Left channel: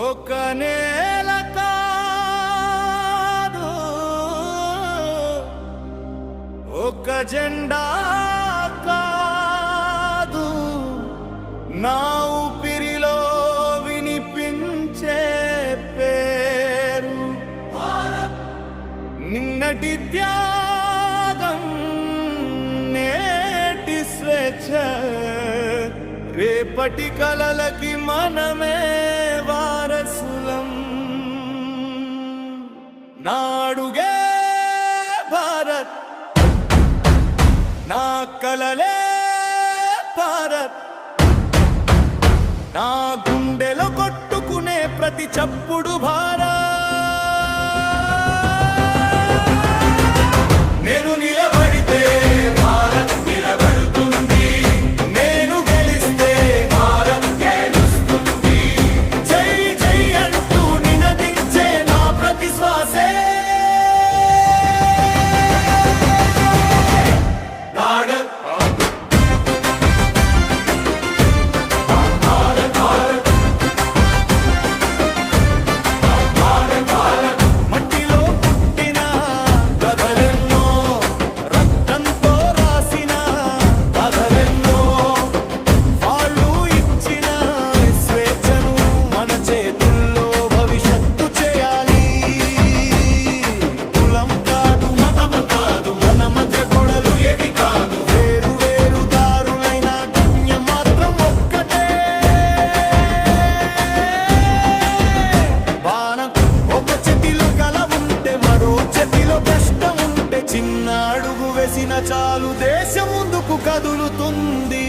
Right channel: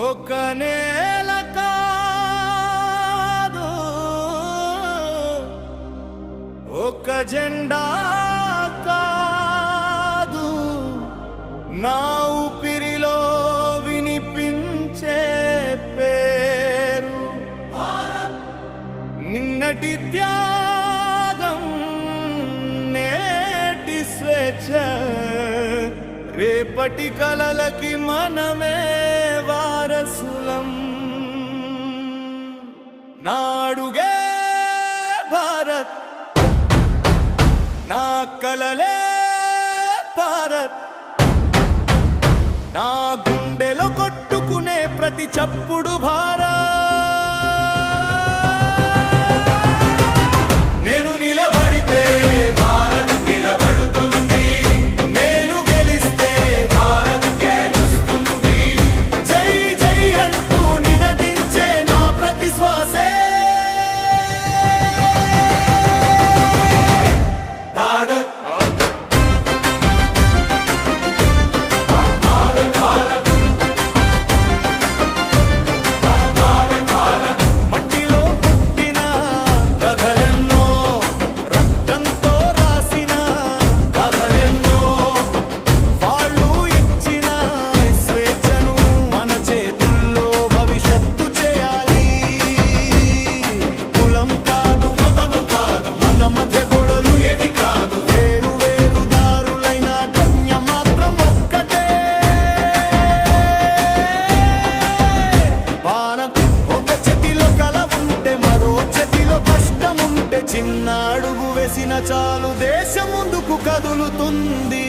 ఒక నేల కాదు, ఒక జెండా కాదు, నా ఊపిరిలో వినిపించే పేరు నిన్నటి త్యాగం, నేటి స్వేచ్ఛ, రేపటి కలలకి మనమే వారసులం. నాడుగే భారత్, నా కలలే భారత్, నా గుండెలో కొట్టుకునే ప్రతి చప్పుడు భారత్. నేను నిలబడితే భారత్ నిలబడుతుంది, నేను గెలిస్తే భారత్ గెలుస్తుంది. జై జై అంటూ నినదించే నా ప్రతి శ్వాసే చేతుల్లో భవిష్యత్తు చేయాలి. కులం కాదు, మతం కాదు, మన మధ్య గొడవలు ఏవి కాదు. వేరు వేరు దారులైన గమ్యం మాత్రం ఒక్కటే. బాణం ఒక చేతిలో కల ఉంటే, మరో చేతిలో కష్టం ఉంటే, చిన్న అడుగు వేసిన చాలు దేశం ముందుకు కదులుతుంది.